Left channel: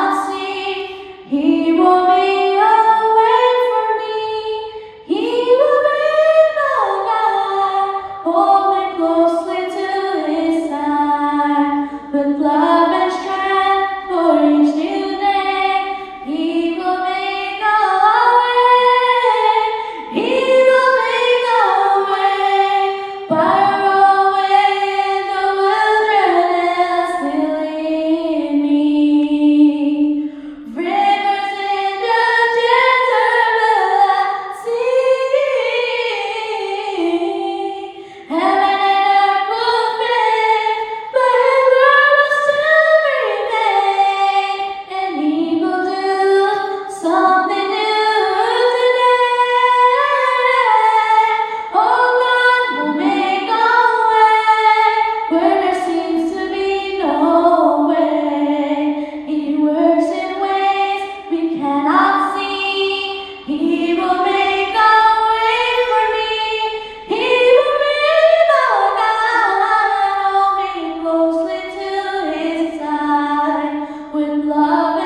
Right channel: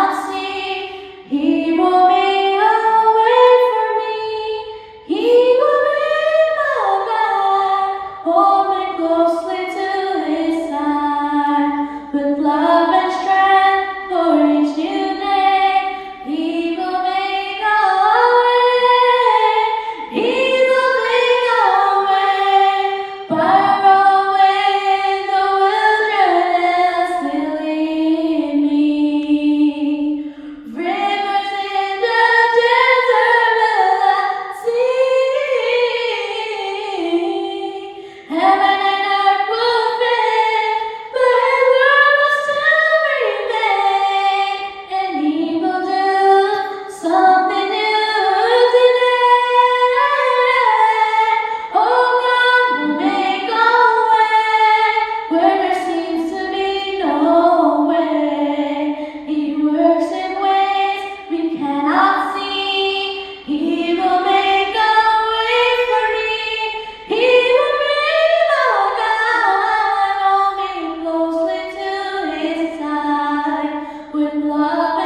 cannot see. He will make a way for me. He will be my guide. Hold me closely to His side. With love and strength for each new day, He will make a way. He will make a way. Fire away in the wilderness, He'll lead me. Rivers in the desert will I see. Heaven and earth will fade, but His word will still remain. And He will do something new today. Oh, God will make a way where there seems to be no way. He works in ways we cannot see. He will make a way for me. He will be my guide. Hold me closely to His side. With love